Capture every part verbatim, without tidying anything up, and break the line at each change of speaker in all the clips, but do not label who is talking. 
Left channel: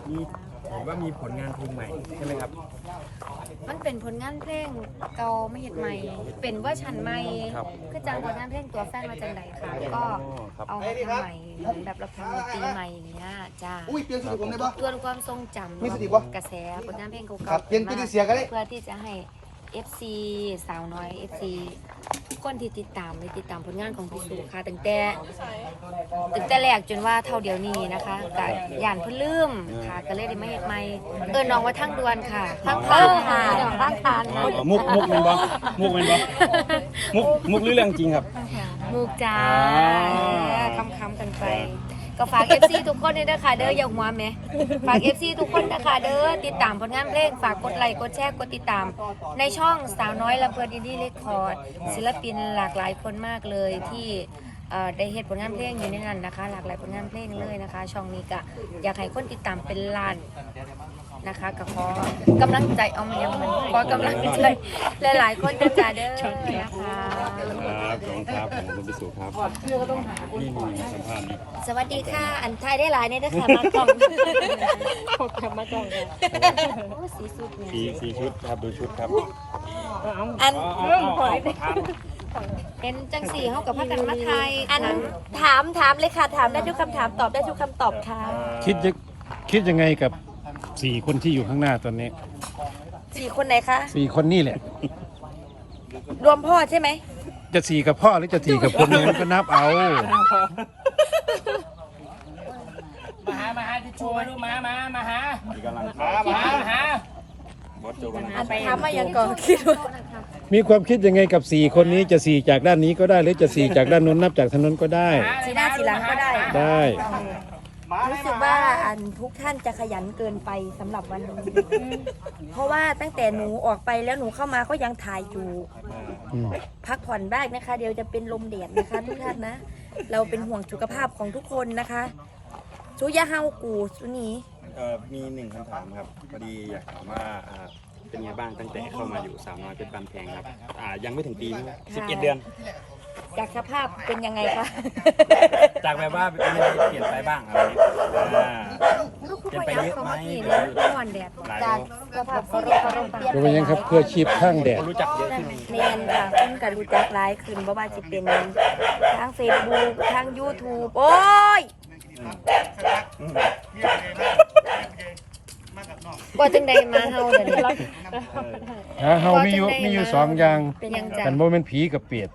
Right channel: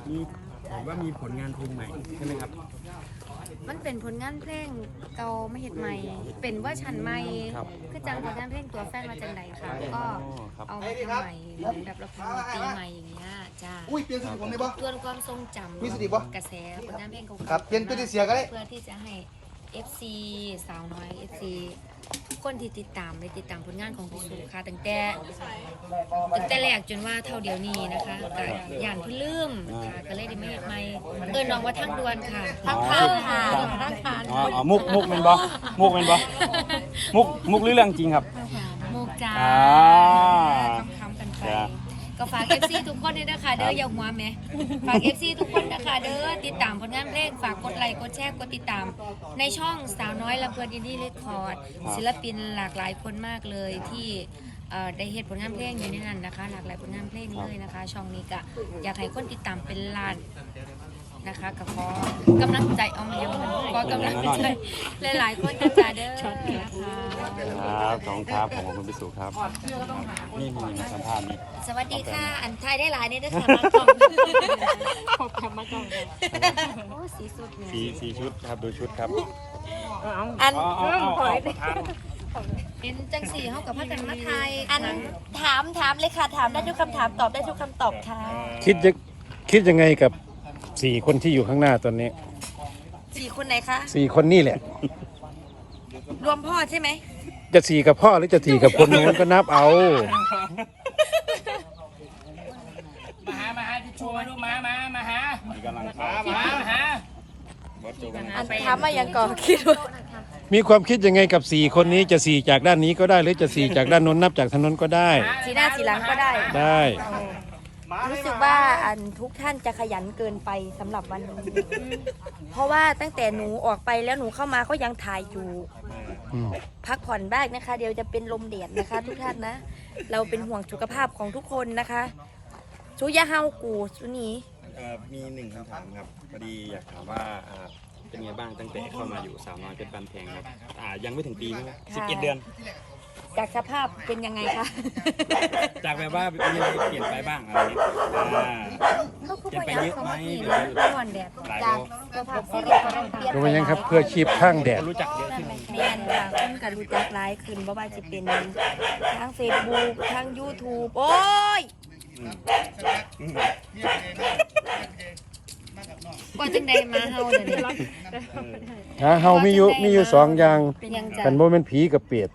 มีเห็นว่ามีผลงานเพลงใหม่ใช่ไหมครับ
มันเป็นผลงานเพลงเก่าไม่เห็นใหม่เป็นเวอร์ชันใหม่คือจังผลงานเพลงตัวแฟนมาจังไหนค่ะก็เอามาทำใหม่เหมือนแบบเราทำดนตรีใหม่อย่างเงี้ยจ้าเพื่อความทรงจำกระแสผลงานเพลงเก่าๆเพื่อที่จะให้ เอฟ ซี สาวน้อย เอฟ ซี ทุกคนที่ติดตามไปติดตามผลงานของพี่สุค่ะตั้งแต่ตั้งแต่แรกจนว่าเท่าเดียวนี้นะคะกับย่านเพิ่นลืมค่ะก็เลยได้มาเฮ็ดใหม่เอิ้นน้องว่าทางด่วนค่ะทางทางหาเดี๋ยวทางทาง
อ๋อมุกมุกเป็นบ่มุกเป็นบ่มุกมุกหรือเรื่องจริงครับ
มุกจ้าคำคำกันไปก็ฝาก เอฟ ซี ทุกคนด้วยนะคะเด้ออย่าหัวแม่ฝาก เอฟ ซี ทุกคนนะคะเด้อติดตามผลงานเพลงฝากกดไลค์กดแชร์กดติดตามในช่องสาวน้อยลำเพลินอินดี้เรคคอร์ดศิลปินหลากหลายคนมากเลยที่ได้เฮ็ดผลงานเพลงอยู่ในนั้นนะคะหลากหลายผลงานเพลงเลยนะคะช่องนี้ก็อยากให้คนติดตามเป็นล้านนะคะก็ขอกำลังใจเอามาอย่างนั้นขอกำลังใจหลายๆคนจะจ่าเด้อนะคะ
ครับขอบคุณครับผมคุณพิสุครับนี่มีสัมภาษณ์
สวัสดีค่ะอันไทยได้หลายเนี่ยนะคะมาก่อนขอบคุณมาก่อนโอ้สีสุดเนี่ย
สีสีชุดครับดูชุดครับ
อันเรื่องหอยเป็นจังสีเขากับพระกันมาไทยอันถามถามเลยค่ะถามได้ทุกคำถามตอบได้ทุกคำตอบค่ะ
คิดจะคิดยังไงกับสี่คนที่อยู่ข้างหน้าตอนนี้
สี่คนไหนคะ
สี่คนนี่แหละ
รวมพ่อใช่ไหม
จะสี่กับพ่อหรือจะสี่กับคนนั้นก็นับเอา
มาหามาหาที่ช่วยลูกมามามาหากำลังมามาหา
อันถามมายังก่อนคิดว่า
มีความคิดยังไงกับสี่คนนี้จะสี่จากด้านนี้ก็ได้หรือจะสี่จากด้านนู้นนับจากถนนก็ได้
สีหน้าสีหลังก็ได้
ได้
รู้สึกว่าอันทุกท่านจะขยันเกินไปสำหรับวันนี้เพราะว่าตั้งแต่หนูออกไปแล้วหนูเข้ามาก็ยังถ่ายอยู่พักผ่อนบ้างนะคะเดี๋ยวจะเป็นลมเดียดนะคะทุกท่านนะเราเป็นห่วงสุขภาพของทุกคนนะคะชูยาเฮากูสุนี
มีหนึ่งคำถามครับพอดีอยากถามว่าเป็นไงบ้างตั้งแต่เข้ามาอยู่สาวน้อยเป็นบันแพงครับยังไม่ถึงปีมั้งสิบเอ็ดเดือน
จากสภาพเป็นยังไงคะ
จากแบบว่ามีอะไรเปลี่ยนไปบ้างอะไรนี้เปลี่ยนไปเยอะไหม
วันแดดจากสภาพที่เรียกว่าเปลี่ยน
ไปยังครับเพื่อชีพข้างแดด
รู้จักเยอะขึ้น
เมนค่ะคุณกับรู้จักหลายขึ้นเพราะว่าจะเป็นทางเฟซบุ๊กทางยูทูบโอ้ยว่าจังใดมาเฮาเดี๋ยวนี้
ฮะเฮามีอยู่มีอยู่สองอย่างกันโมเป็นผีกับเปียด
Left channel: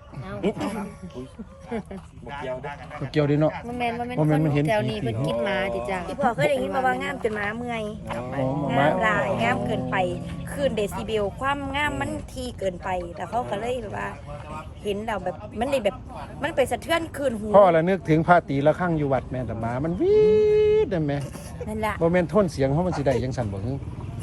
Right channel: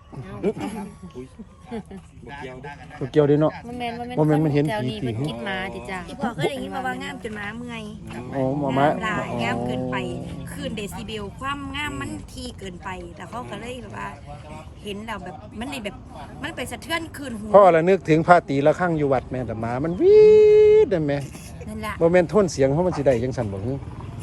เกี่ยวด้วยเนาะ
โมเมนต์โมเมนต์มันเห็นผีเป็นคิดมาจิจ้าที่พ่อเคยได้ยินมาว่างามจนม้าเมื่อยงามลายงามเกินไปคืนเดซิเบลความงามมันทีเกินไปแต่เขาก็เลยแบบว่าเห็นเราแบบมันเลยแบบมันไปสะเทือนคืนหู
เพราะอะไรนึกถึงพระตีละข้างอยู่วัดแม่แต่หมามันวีดได้ไหม
นั่นแหละ
โมเมนต์ท่นเสียงเพราะมันสิได้ยังสั่นแบบนี้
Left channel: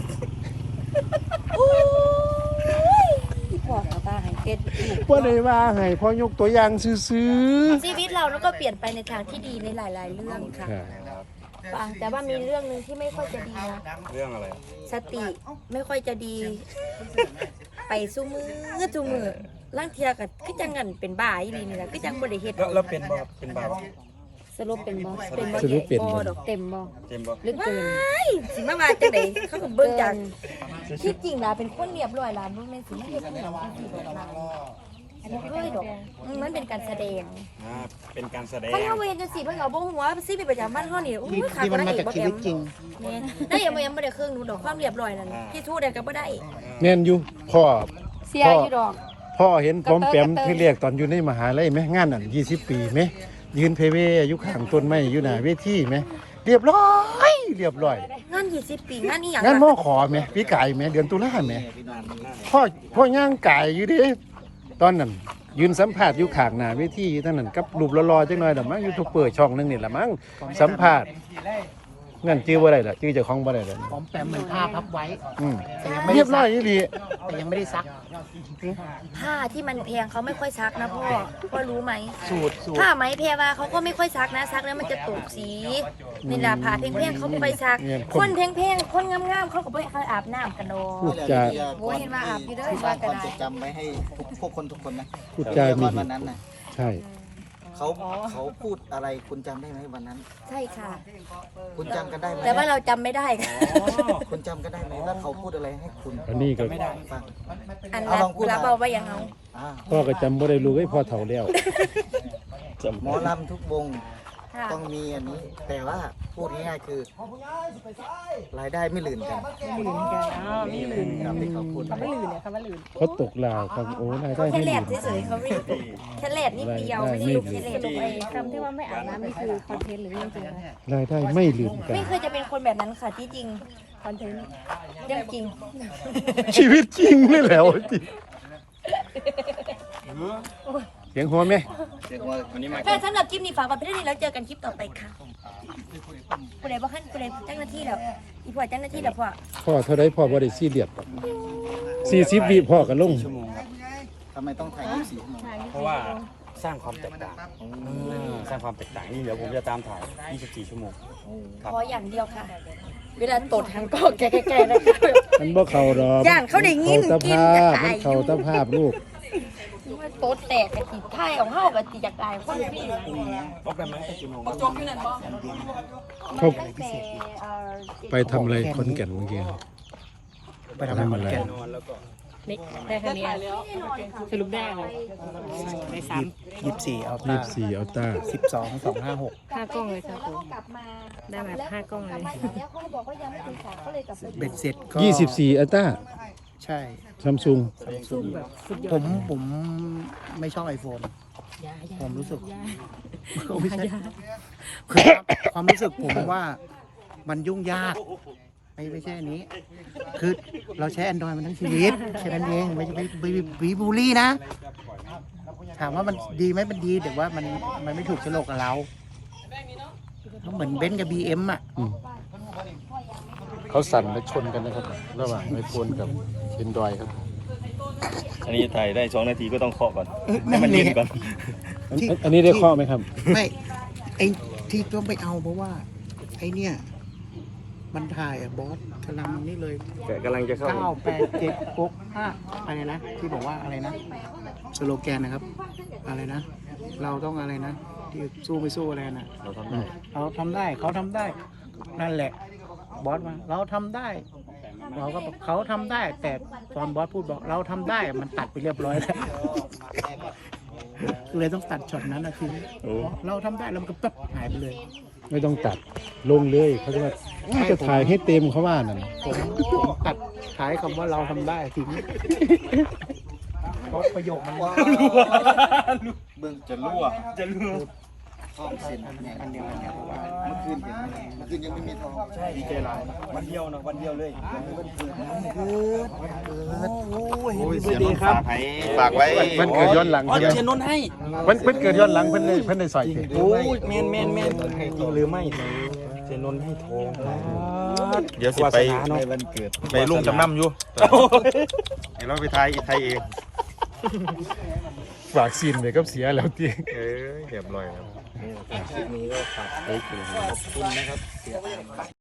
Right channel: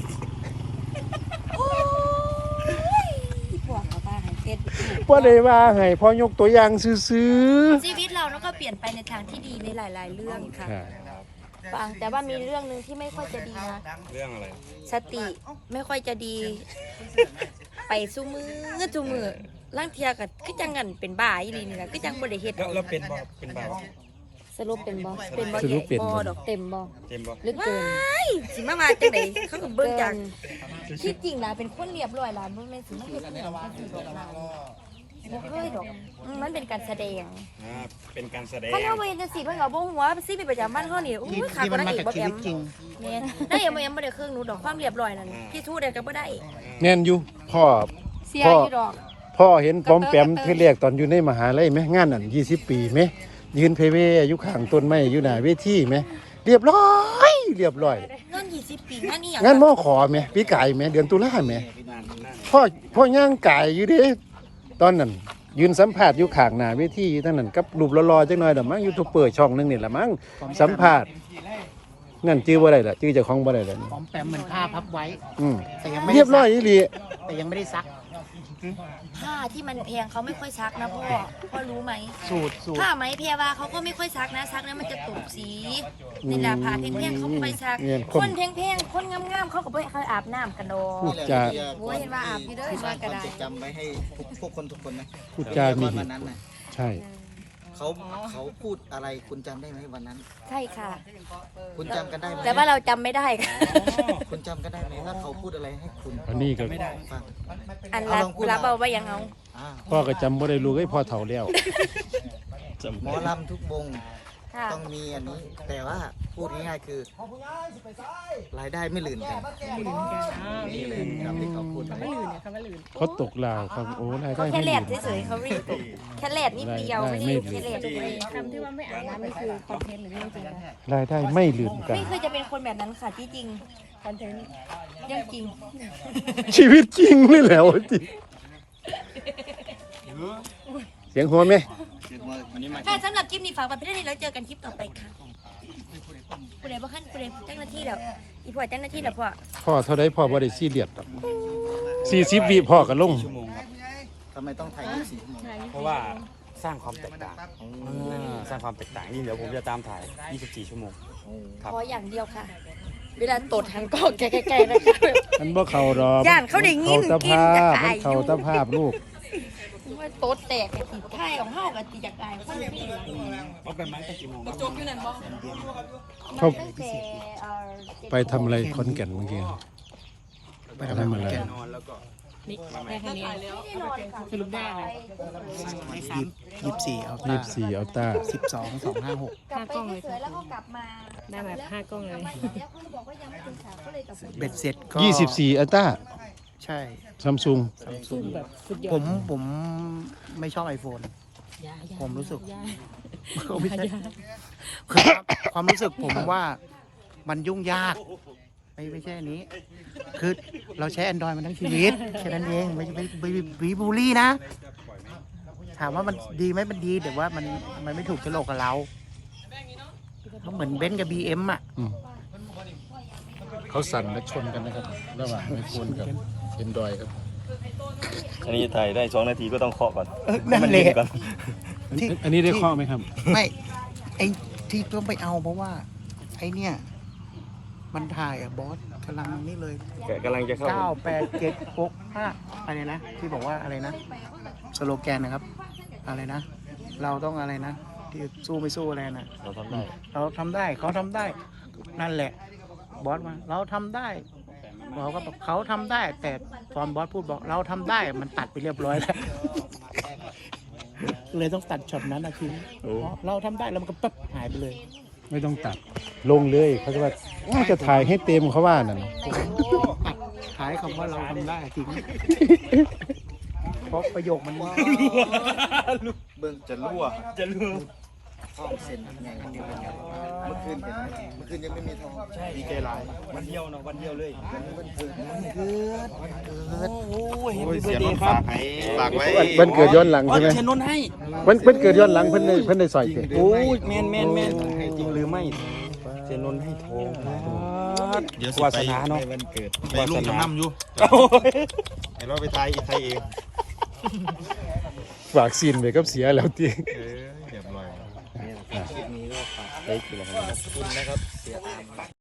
ว่าเลยว่าให้พอยกตัวอย่างซื้อ
ชีวิตเราแล้วก็เปลี่ยนไปในทางที่ดีในหลายๆเรื่องค่ะแต่ว่ามีเรื่องนึงที่ไม่ค่อยจะดีนะ
เรื่องอะไร
สติไม่ค่อยจะดีไปสู้มือสู้มือร่างเทียกับคือจังงันเป็นบ้าอีหลีนี่แหละคือจังบริเหตุ
เราเป็นบ่เป็นบ้า
สรุปเป็นบ่เป็นบ่บ่ดอกเต็มบ่
เต็มบ่
ลึกเกินสิมาว่าจังได๋เขาก็เบิ่งจังที่จริงล่ะเป็นคนเรียบร้อยล่ะบ่แม่นสิมาเฮ็ดอีหยังจังซี่ดอกล่ะบ่เคยดอกมันเป็นการแสดง
อ่าเป็นการแสดง
เพราะว่าเว้นจังซี่เพิ่นก็บ่ฮู้ว่าสิเป็นประจำบ้านเฮานี่โอ้ยขาดบ่ได้อีกบ่แอมแม่นได้ยังบ่ยังบ่ได้ครึ่งหนูดอกความเรียบร้อยนั่นพี่ทู้ได้ก็บ่ได้
แม่นอยู่พ่อ
เสียอยู่ดอก
พ่อเห็นผมแปมที่เรียกตอนอยู่ในมหาลัยไหมงานนั่นยี่สิบปีไหมยืนเพเวอยู่ข้างต้นไม้อยู่หน้าเวทีไหมเรียบร้อยเรียบร้อย
งานยี่สิบปีงานนี้อย่าง
งานมอขอไหมปีไก่ไหมเดือนตุลาไหมพ่อพ่อย่างไก่อยู่ดิตอนนั้นยืนสัมภาษณ์อยู่ข้างหน้าเวทีอยู่ทั้งนั้นกับรูปรอๆจังหน่อยแต่มั้งยูทูบเปิดช่องนึงนี่แหละมั้งสัมภาษณ์นั่นชื่อว่าอะไรล่ะชื่อเจ้าของบ้านอะไร
หอมแปมเหมือนผ้าพับไว้
เรียบร้อยดี
แต่ยังไม่ได้ซัก
ผ้าที่มันแพงเขาไม่ค่อยซักนะพ่อพ่อรู้ไหมผ้าไหมแพรว่าเขาก็ไม่ค่อยซักนะซักแล้วมันจะตกสีนี่แหละผ้าแพงๆเขาไปซักคนแพงๆคนงามๆเขาก็ไปเขาอาบน้ำกันดอก
พูดจา
โอ้ยเห็นว่าอาบที่เด้อว่ากันได้
จำไว้ให้พวกคนทุกคนนะ
พูดจามี
วันนั้นนะ
ใช่
เขาเขาพูดอะไรคุณจำได้ไหมวันนั้น
ใช่ค่ะ
คุณจำกันได้ไหม
แต่ว่าเราจำไม่ได้ค่ะ
คุณจำกันได้ไหมว่าเขาพูดอะไรให้คุณ
อันนี้ก็
ฟัง
อัน
เอา
รับ
ลองพูด
รับเอาไว้ยังเอา
อ่า
พ่อก็จำบ่ได้ลูกไอ้ยพ่อเฒ่าแล้ว
หมอลำทุกวง
ค่ะ
ต้องมีอันนี้ แต่ว่าพูดง่ายๆคือ รายได้ไม่ลื่นกัน
ไม่ลืมกันอ๋อ
นี่เลยครับที่เขาพูด
คำว่าลืมเนี่ยคำว่าลืม
เขาตกลาวครับโอ้รายได้
เขาแค่
ไม่
แหล
ดี
ดเฉยๆเขาไม่ได้แค่แหลดนิดเดียวไม่ได้ลูกแค่แหลด
สรุปไอ้คำที่ว่าไม่อาบน้ำมันคือคอนเทนต์หรือเรื่องจริงคะ
รายได้ไม่ลืมกัน
ไม่เคยจะเป็นคนแบบนั้นค่ะที่จริง
คอนเทนต์
เรื่องจริง
ชีวิตจริงนี่แหละวะจริงเสียงหัวไหม
วันนี้มา
ค่ะสำหรับคลิปนี้ฝากไว้เพียงเท่านี้แล้วเจอกันคลิปต่อไปค่ะผู้ใดบ่ขั้นผู้ใดเจ้าหน้าที่แล้วอีพ่อเจ้าหน้าที่แล้วพ่อ
พ่อเท่าไรพ่อบ่ได้ซีเรียสหรอกสี่สิบวิพ่อก็ลง
ชั่วโมงครับ
ทำไมต้องถ่ายยี่สิบสี่ชั่วโมง
เพราะว่าสร้างความแตกต่างอ่าสร้างความแตกต่างนี่เดี๋ยวผมจะตามถ่ายยี่สิบสี่ชั่วโมงครับ
ขออย่างเดียวค่ะ เวลาตดหันกล้องใกล้ๆนะคะ
มันบ่เข้าดอก
ย่านเขาได้ยิน
เข้าตะ
กิน
ภา
จะ
พ
ตาย
มันเข้าตะภาพลูก
ว่าโต๊ดแตกกะทิไทยของเฮากะทิจากตายคนพี่
เอาไปไหมไปกี่โมง
จบอยู่นั่นบ่
เขาไปทำอะไรขอนแก่นเมื่อกี้ไปทำอะไร
นอนแล้วก็
นี่ได้แค่นี้สรุปได้เลย
ยี่สิบสี่เอา
ยี่
ตา
สิบสี่อัลต้า
สิบสองสองห้าหก
ห้ากล้องเลยครับ
แล้ว
ผม
กลับมา
ได้แบบห้ากล้องเลย
แล้วเขาบอกว่ายังไม่ถึงสามก็เลยกลับไป
เบ็ดเสร็จก็
ยี่สิบสี่อัลต้า
ใช่
ซัมซุง
ซุ่มแบบสุดยอด
ผมผมไม่ชอบไอโฟน
ยา
ผมรู้สึก
ยา
ไม่ใช่
ยา
คือความรู้สึกผมว่ามันยุ่งยาก ไม่ไม่ใช่อันนี้ คือเราใช้ Android มันทั้งชีวิตแค่นั้นเองไม่ไม่ไม่ไม่บูลลี่นะ ถามว่ามันดีไหมมันดีแต่ว่ามันมันไม่ถูกโฉลกกับเราก็เหมือนเบนซ์กับ บี เอ็ม อ่ะ
อืมเขาสั่นและชนกันนะครับ ระหว่างไอโฟนกับเอ็นดรอยครับ
อันนี้ถ่ายได้สองนาทีก็ต้องเคาะก่อน
นั่นแหละ
ก่อน
อันอันนี้ได้ข้อไหมครับ
ไม่ไอที่ต้องไปเอาเพราะว่าไอเนี่ยมันถ่ายอะบอสกำลังนี่เลย
กำลังจะเข้า
เก้าแปดเจ็ดหกห้าอะไรนะที่บอกว่าอะไรนะสโลแกนนะครับ อะไรนะ เราต้องอะไรนะที่สู้ไม่สู้อะไรนะอืมเราทำได้เขาทำได้ นั่นแหละ บอสมาเราทำได้เราก็บอกเขาทำได้ แต่ตอนบอสพูดบอกเราทำได้มันตัดไปเรียบร้อยแล้ว เลยต้องตัดช็อตนั้นนะทีนี้
โอ้
เราทำได้แล้วมันก็ปั๊บหายไปเลย
ไม่ต้องตัดลงเลยเขาจะว่าอ้าวจะถ่ายให้เต็มเขาว่านั่น
ผมผมตัดท้ายคำว่าเราทำได้ทิ้งเพราะประโยคมัน
เบิ่งจะรั่วจะรั่วทองเซ็นไงอันเดียวกันเนี่ยเมื่อคืนเห็นไหมเมื่อคืนยังไม่มีทองใช่ดีใจหลาย
วันเดียวนะวันเดียวเลย
วันเกิดวันเกิดเกิด
โอ้ยเสียน้องฝากให้ฝากไว้
เพิ่นเกิดย้อนหลัง
อ๋อ
ใช่ไหม
เชียร์นนท์ให้
เพิ่นเพิ่นเกิดย้อนหลังเพิ่นได้เพิ่นได้ใส่
โอ้ยแมนแมนแมนจริงหรือไม่เชียร์นนท์ให้โทร
เดี๋ยวสิไป
ในวันเกิด
ไปลุงจำนำอยู่เดี๋ยวเราไปไทยไทยเอง
ฝากซีนไว้กับเสียแล้วที
เอ้ยเรียบร้อยครับ
คลิปนี้ก็ฝาก
เฮ้ยคืออะไร
ขอบคุณนะครับเสียอาม